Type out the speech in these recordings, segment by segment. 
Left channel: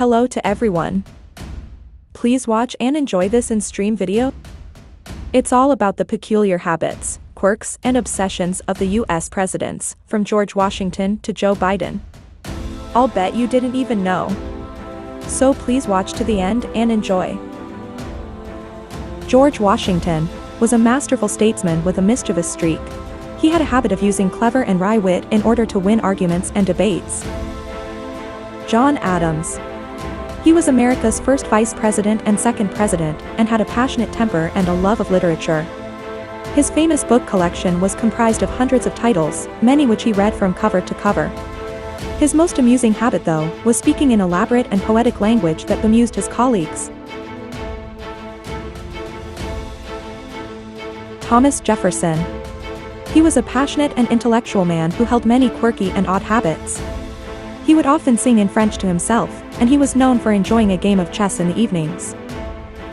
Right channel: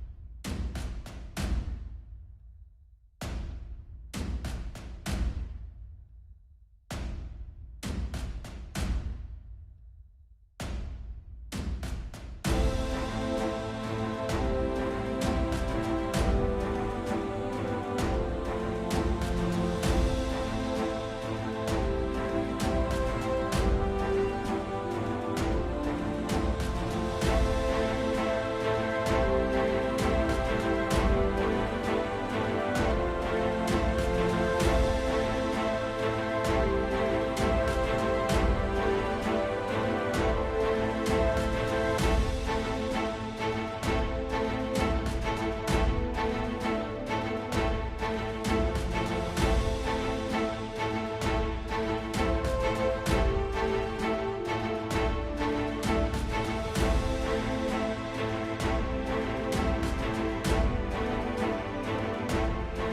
Hello to everyone. Please watch and enjoy this in-stream video. It's all about the peculiar habits, quirks, and obsessions of the US presidents, from George Washington to Joe Biden. I'll bet you didn't even know. So please watch to the end and enjoy. George Washington was a masterful statesman with a mischievous streak. He had a habit of using clever and wry wit in order to win arguments and debates. John Adams. He was America's first vice president and second president, and had a passionate temper and a love of literature. His famous book collection was comprised of hundreds of titles, many which he read from cover to cover. His most amusing habit, though, was speaking in elaborate and poetic language that bemused his colleagues. Thomas Jefferson. He was a passionate and intellectual man who held many quirky and odd habits. He would often sing in French to himself, and he was known for enjoying a game of chess in the evenings.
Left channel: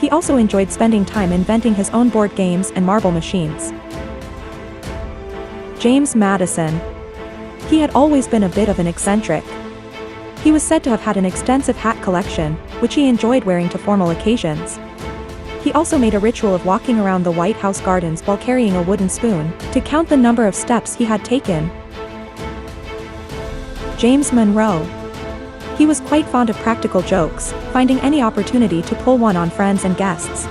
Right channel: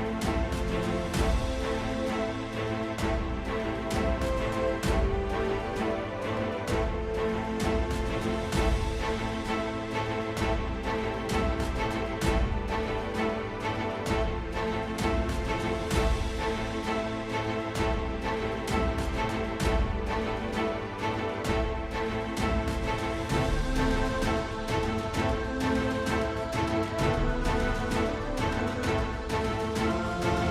He also enjoyed spending time inventing his own board games and marble machines. James Madison. He had always been a bit of an eccentric. He was said to have had an extensive hat collection, which he enjoyed wearing to formal occasions. He also made a ritual of walking around the White House gardens while carrying a wooden spoon, to count the number of steps he had taken. James Monroe. He was quite fond of practical jokes, finding any opportunity to pull one on friends and guests.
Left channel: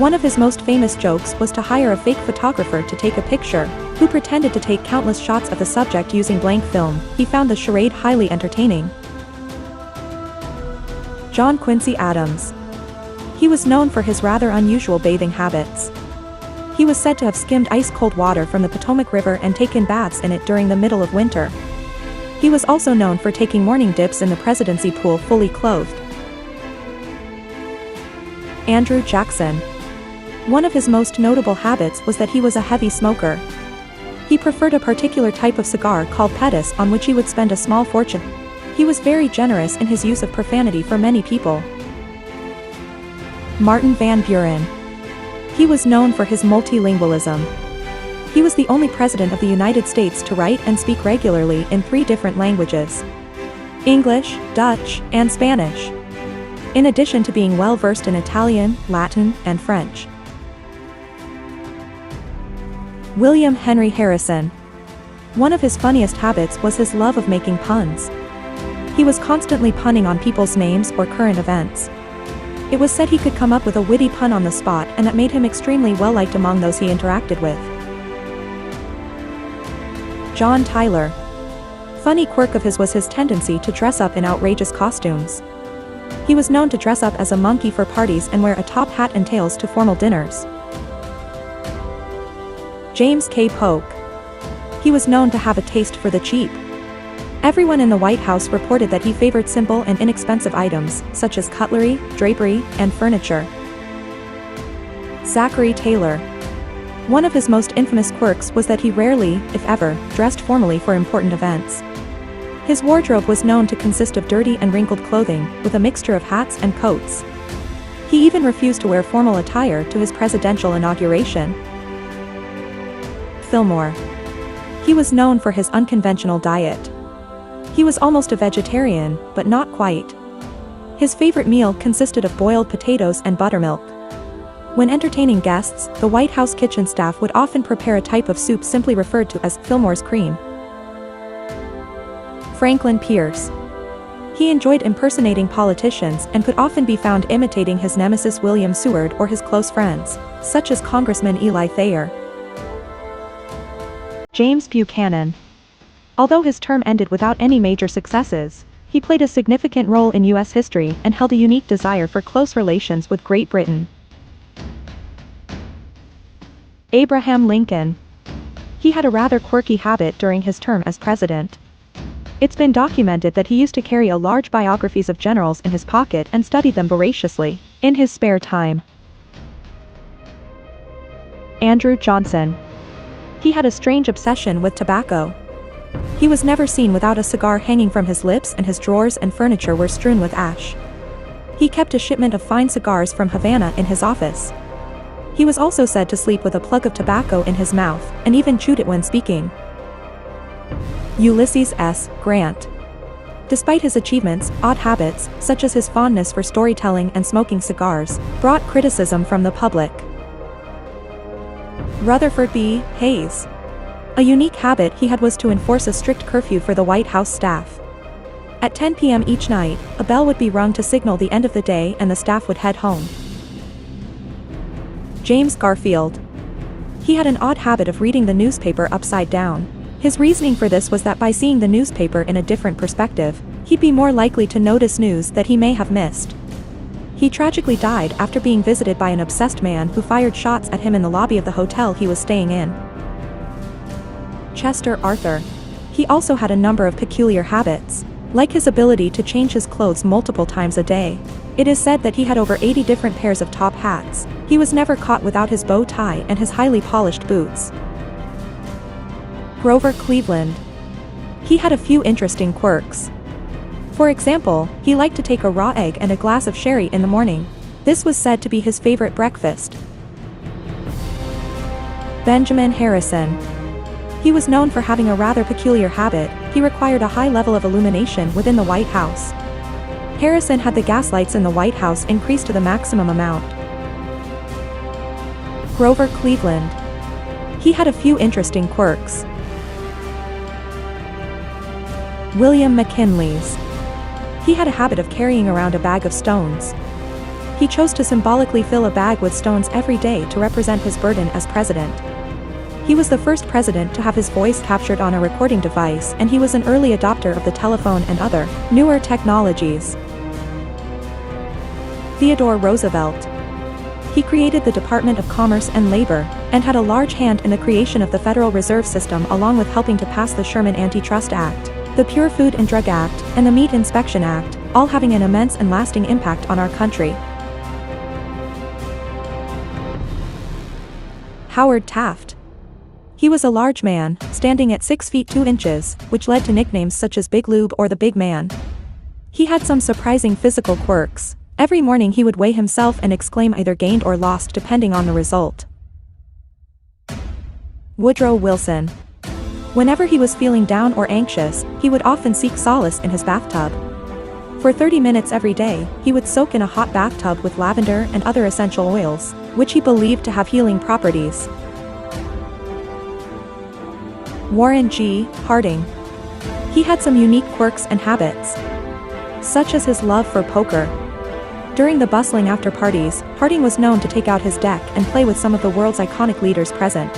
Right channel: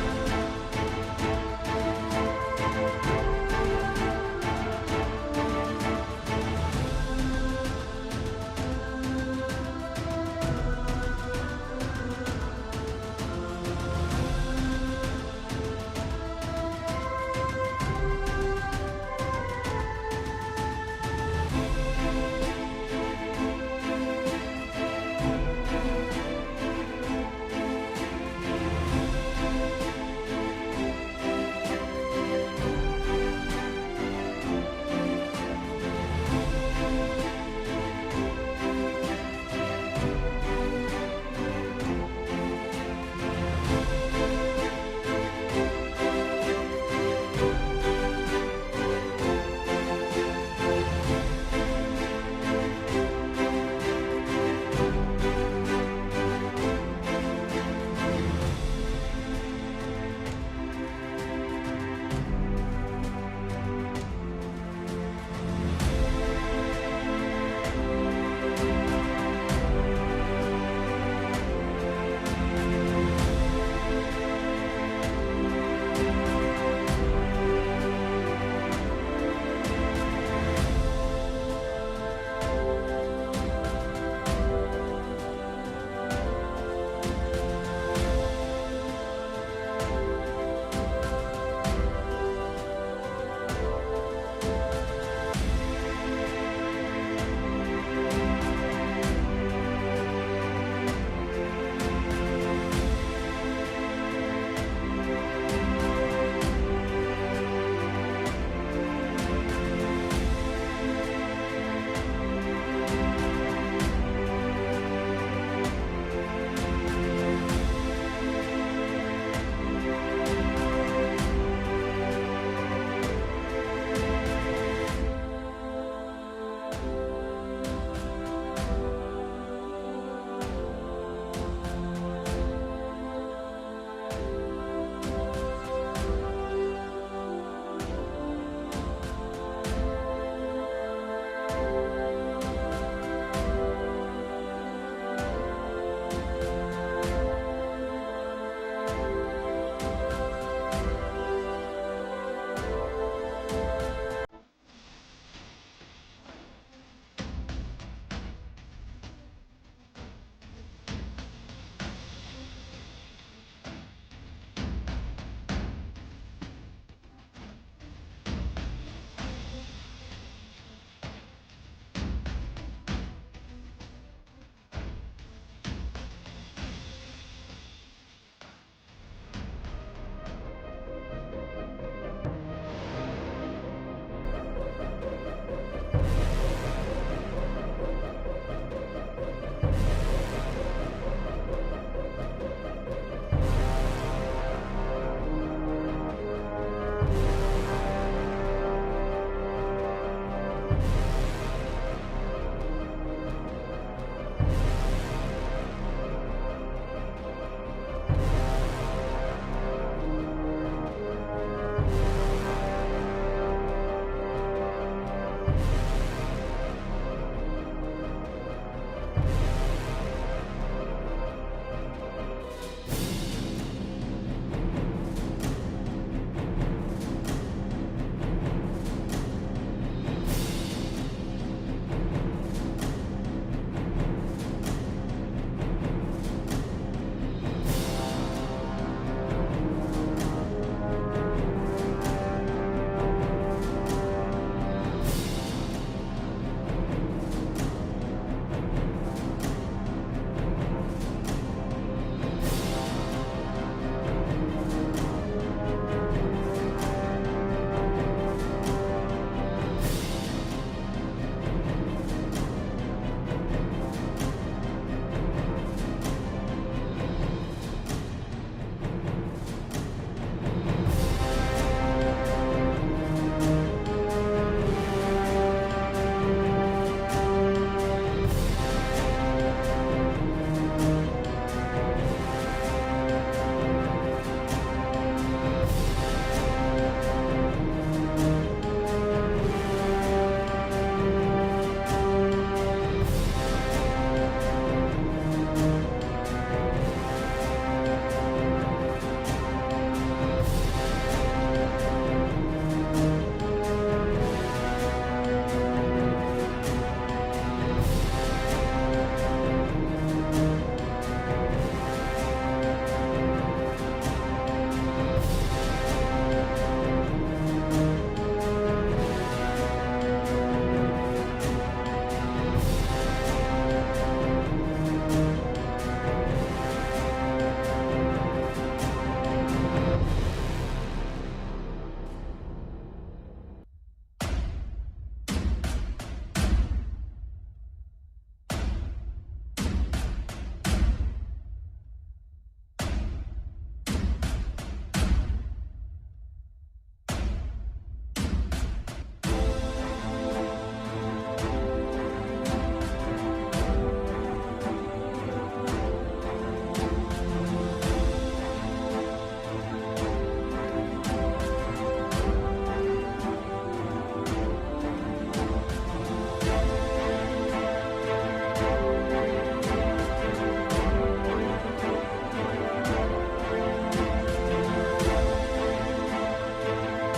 One of his most famous jokes was to hire a fake photographer to take a picture, who pretended to take countless shots of the subject using blank film. He found the charade highly entertaining. John Quincy Adams. He was known for his rather unusual bathing habits. He was said to have skimmed ice-cold water from the Potomac River and taken baths in it during the middle of winter. He was also known for taking morning dips in the presidency pool fully clothed. Andrew Jackson. One of his most notable habits was that he was a heavy smoker. He preferred a particular type of cigar called Pettis, on which he would spend a small fortune. He was very generous in his use of profanity for many people. Martin Van Buren. He was known for his multilingualism. He was the only president of the United States to write and speak regularly in 3 different languages: English, Dutch, and Spanish, in addition to being well versed in Italian, Latin, and French. William Henry Harrison. One of his funniest habits was his love of making puns. He was constantly punning on people's names or current events. It was said he could come up with a witty pun on the spot, and that made him extremely well-liked among those he interacted with. John Tyler. Funny quirk of his was his tendency to dress up in outrageous costumes. He was known to dress up as a monkey for parties and wear a top hat and tails to formal dinners. James K. Polk. He was known to have a taste for the cheap. Everyone in the White House reported that he favored simple and inexpensive items, such as cutlery, drapery, and furniture. Zachary Taylor. One of his most infamous quirks was that he rarely, if ever, dressed formally for important events. His wardrobe was known to consist of dirty and wrinkled clothing, with a mixture of hats and coats. He even refused to wear formal attire to his presidential inauguration. Fillmore. He was known for his unconventional diet. He was almost a vegetarian, but not quite. His favorite meal consisted of boiled potatoes and buttermilk. When entertaining guests, the White House kitchen staff would often prepare a type of soup simply referred to as Fillmore's cream. Franklin Pierce. He enjoyed impersonating politicians and could often be found imitating his nemesis William Seward or his close friends, such as Congressman Eli Thayer. James Buchanan. Although his term ended without any major successes, he played a significant role in U.S. history and held a unique desire for close relations with Great Britain. Abraham Lincoln. He had a rather quirky habit during his term as president. It's been documented that he used to carry a large biographies of generals in his pocket and study them voraciously, in his spare time. Andrew Johnson. He had a strange obsession with tobacco. He was never seen without a cigar hanging from his lips, and his drawers and furniture were strewn with ash. He kept a shipment of fine cigars from Havana in his office. He was also said to sleep with a plug of tobacco in his mouth, and even chewed it when speaking. Ulysses S. Grant. Despite his achievements, odd habits, such as his fondness for storytelling and smoking cigars, brought criticism from the public. Rutherford B. Hayes. A unique habit he had was to enforce a strict curfew for the White House staff. At 10 p.m. each night, a bell would be rung to signal the end of the day and the staff would head home. James Garfield. He had an odd habit of reading the newspaper upside down. His reasoning for this was that by seeing the newspaper in a different perspective, he'd be more likely to notice news that he may have missed. He tragically died after being visited by an obsessed man who fired shots at him in the lobby of the hotel he was staying in. Chester Arthur. He also had a number of peculiar habits, like his ability to change his clothes multiple times a day. It is said that he had over 80 different pairs of top hats. He was never caught without his bow tie and his highly polished boots. Grover Cleveland. He had a few interesting quirks. For example, he liked to take a raw egg and a glass of sherry in the morning. This was said to be his favorite breakfast. Benjamin Harrison. He was known for having a rather peculiar habit. He required a high level of illumination within the White House. Harrison had the gas lights in the White House increased to the maximum amount. Grover Cleveland. He had a few interesting quirks. William McKinley's. He had a habit of carrying around a bag of stones. He chose to symbolically fill a bag with stones every day to represent his burden as president. He was the first president to have his voice captured on a recording device, and he was an early adopter of the telephone and other, newer technologies. Theodore Roosevelt. He created the Department of Commerce and Labor, and had a large hand in the creation of the Federal Reserve System along with helping to pass the Sherman Antitrust Act, the Pure Food and Drug Act, and the Meat Inspection Act, all having an immense and lasting impact on our country. Howard Taft. He was a large man, standing at 6 feet 2 inches, which led to nicknames such as Big Lube or the Big Man. He had some surprising physical quirks. Every morning he would weigh himself and exclaim either gained or lost depending on the result. Woodrow Wilson. Whenever he was feeling down or anxious, he would often seek solace in his bathtub. For 30 minutes every day, he would soak in a hot bathtub with lavender and other essential oils, which he believed to have healing properties. Warren G. Harding. He had some unique quirks and habits, such as his love for poker. During the bustling after-parties, Harding was known to take out his deck and play with some of the world's iconic leaders present.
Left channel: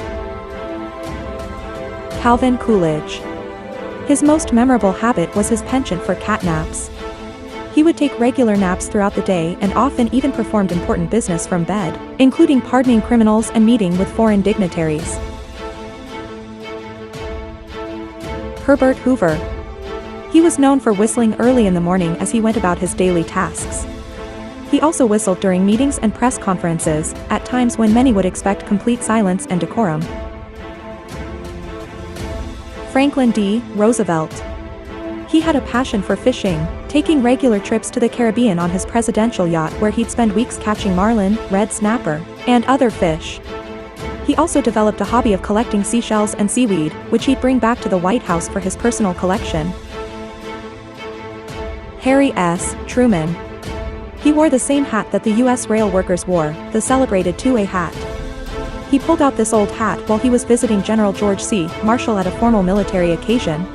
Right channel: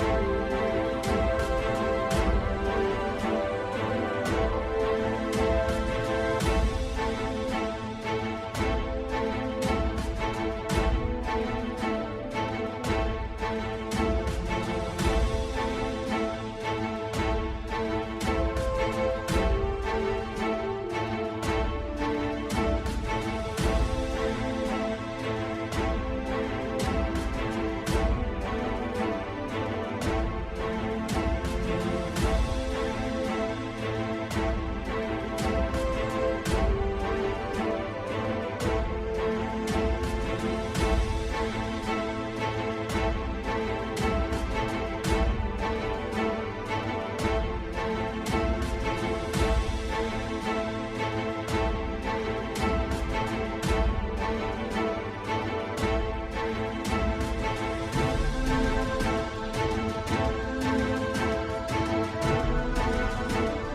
Calvin Coolidge. His most memorable habit was his penchant for cat naps. He would take regular naps throughout the day and often even performed important business from bed, including pardoning criminals and meeting with foreign dignitaries. Herbert Hoover. He was known for whistling early in the morning as he went about his daily tasks. He also whistled during meetings and press conferences, at times when many would expect complete silence and decorum. Franklin D. Roosevelt. He had a passion for fishing, taking regular trips to the Caribbean on his presidential yacht where he'd spend weeks catching marlin, red snapper, and other fish. He also developed a hobby of collecting seashells and seaweed, which he'd bring back to the White House for his personal collection. Harry S. Truman. He wore the same hat that the U.S. rail workers wore, the celebrated two-way hat. He pulled out this old hat while he was visiting General George C. Marshall at a formal military occasion.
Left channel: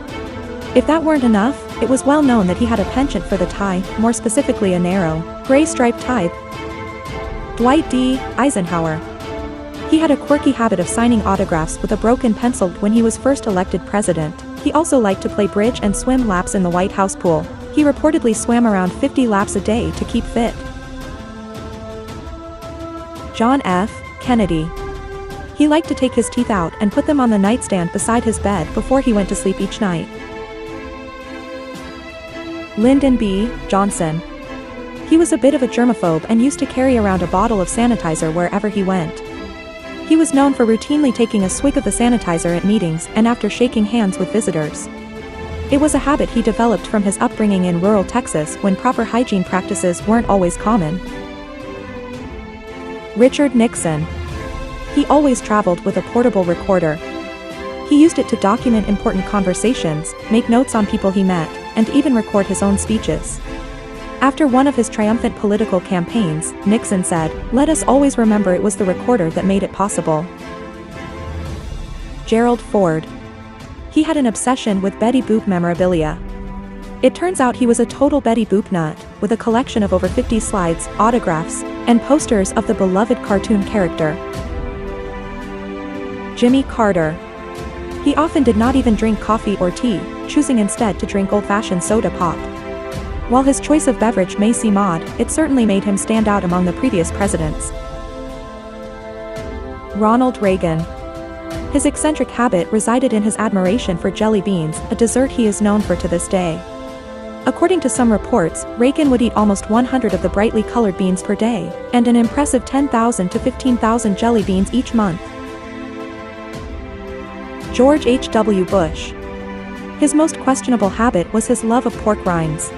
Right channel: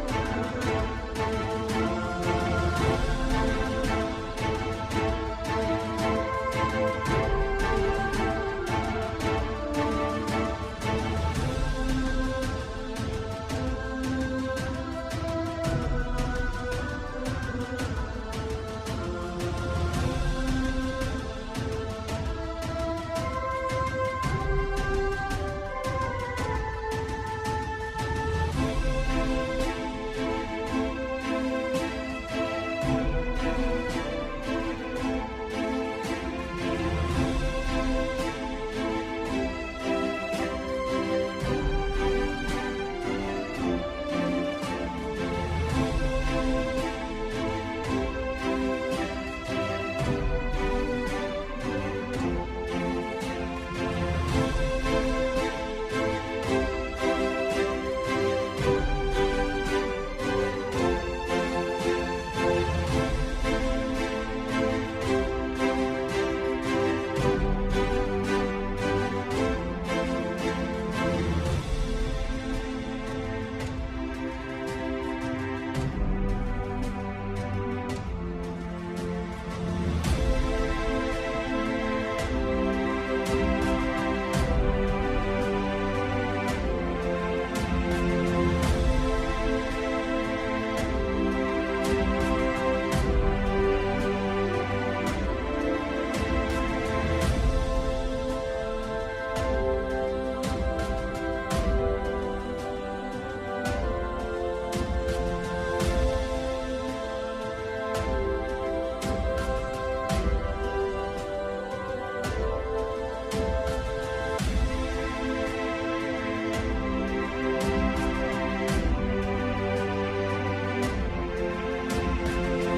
If that weren't enough, it was well known that he had a penchant for the tie, more specifically a narrow, gray striped tie. Dwight D. Eisenhower. He had a quirky habit of signing autographs with a broken pencil when he was first elected president. He also liked to play bridge and swim laps in the White House pool. He reportedly swam around 50 laps a day to keep fit. John F. Kennedy. He liked to take his teeth out and put them on the nightstand beside his bed before he went to sleep each night. Lyndon B. Johnson. He was a bit of a germaphobe and used to carry around a bottle of sanitizer wherever he went. He was known for routinely taking a swig of the sanitizer at meetings and after shaking hands with visitors. It was a habit he developed from his upbringing in rural Texas when proper hygiene practices weren't always common. Richard Nixon. He always traveled with a portable recorder. He He used it to document important conversations, make notes on people he met, and even record his own speeches. After one of his triumphant political campaigns, Nixon said, "Let us always remember it was the recorder that made it possible." Gerald Ford. He had an obsession with Betty Boop memorabilia. It turns out he was a total Betty Boop nut, with a collection of over 50 slides, autographs, and posters of the beloved cartoon character. Jimmy Carter. He often did not even drink coffee or tea, choosing instead to drink old-fashioned soda pop. While his choice of beverage may seem odd, it certainly made him stand out among the previous presidents. Ronald Reagan. His eccentric habit resided in his admiration for jelly beans, a dessert he is known for to this day. According to some reports, Reagan would eat almost 100 of the brightly colored beans per day, and an impressive 10,000 to 15,000 jelly beans each month. George H.W. Bush. His most questionable habit was his love of pork rinds.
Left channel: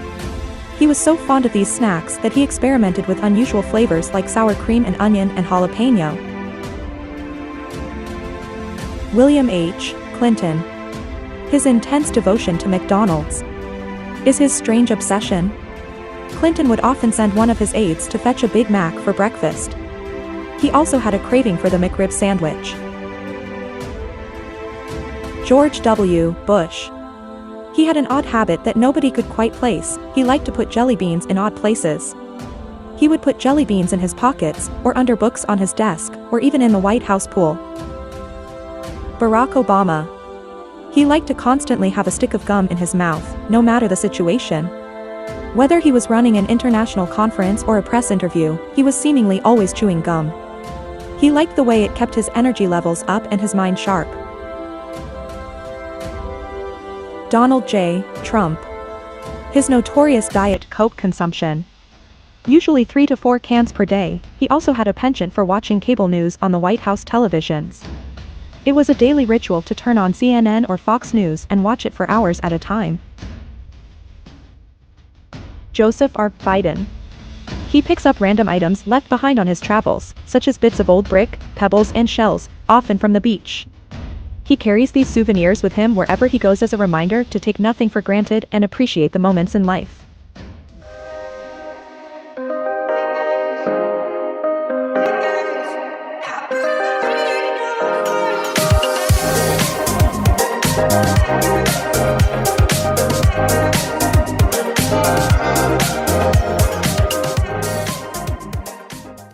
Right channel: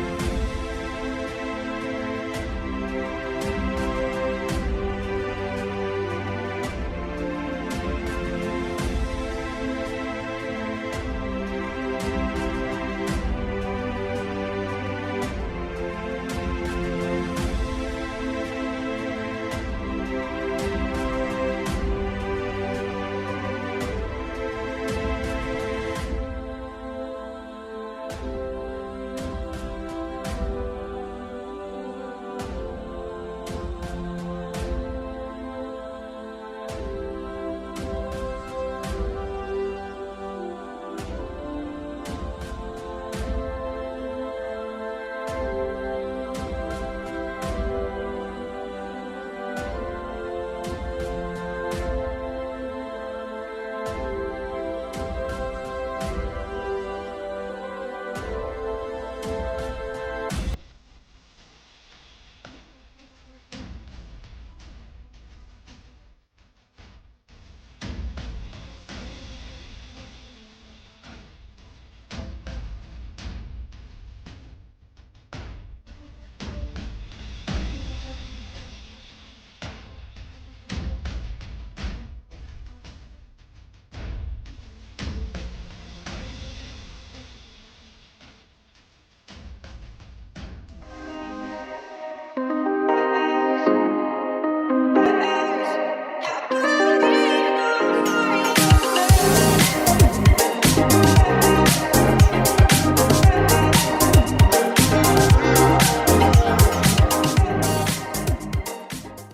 He was so fond of these snacks that he experimented with unusual flavors like sour cream and onion and jalapeno. William H. Clinton. His intense devotion to McDonald's is his strange obsession. Clinton would often send one of his aides to fetch a Big Mac for breakfast. He also had a craving for the McRib sandwich. George W. Bush. He had an odd habit that nobody could quite place. He liked to put jelly beans in odd places. He would put jelly beans in his pockets, or under books on his desk, or even in the White House pool. Barack Obama. He liked to constantly have a stick of gum in his mouth, no matter the situation. Whether he was running an international conference or a press interview, he was seemingly always chewing gum. He liked the way it kept his energy levels up and his mind sharp. Donald J. Trump. His notorious Diet Coke consumption, usually 3 to 4 cans per day. He also had a penchant for watching cable news on the White House televisions. It was a daily ritual to turn on CNN or Fox News and watch it for hours at a time. Joseph R. Biden. He picks up random items left behind on his travels, such as bits of old brick, pebbles and shells, often from the beach. He carries these souvenirs with him wherever he goes as a reminder to take nothing for granted and appreciate the moments in life.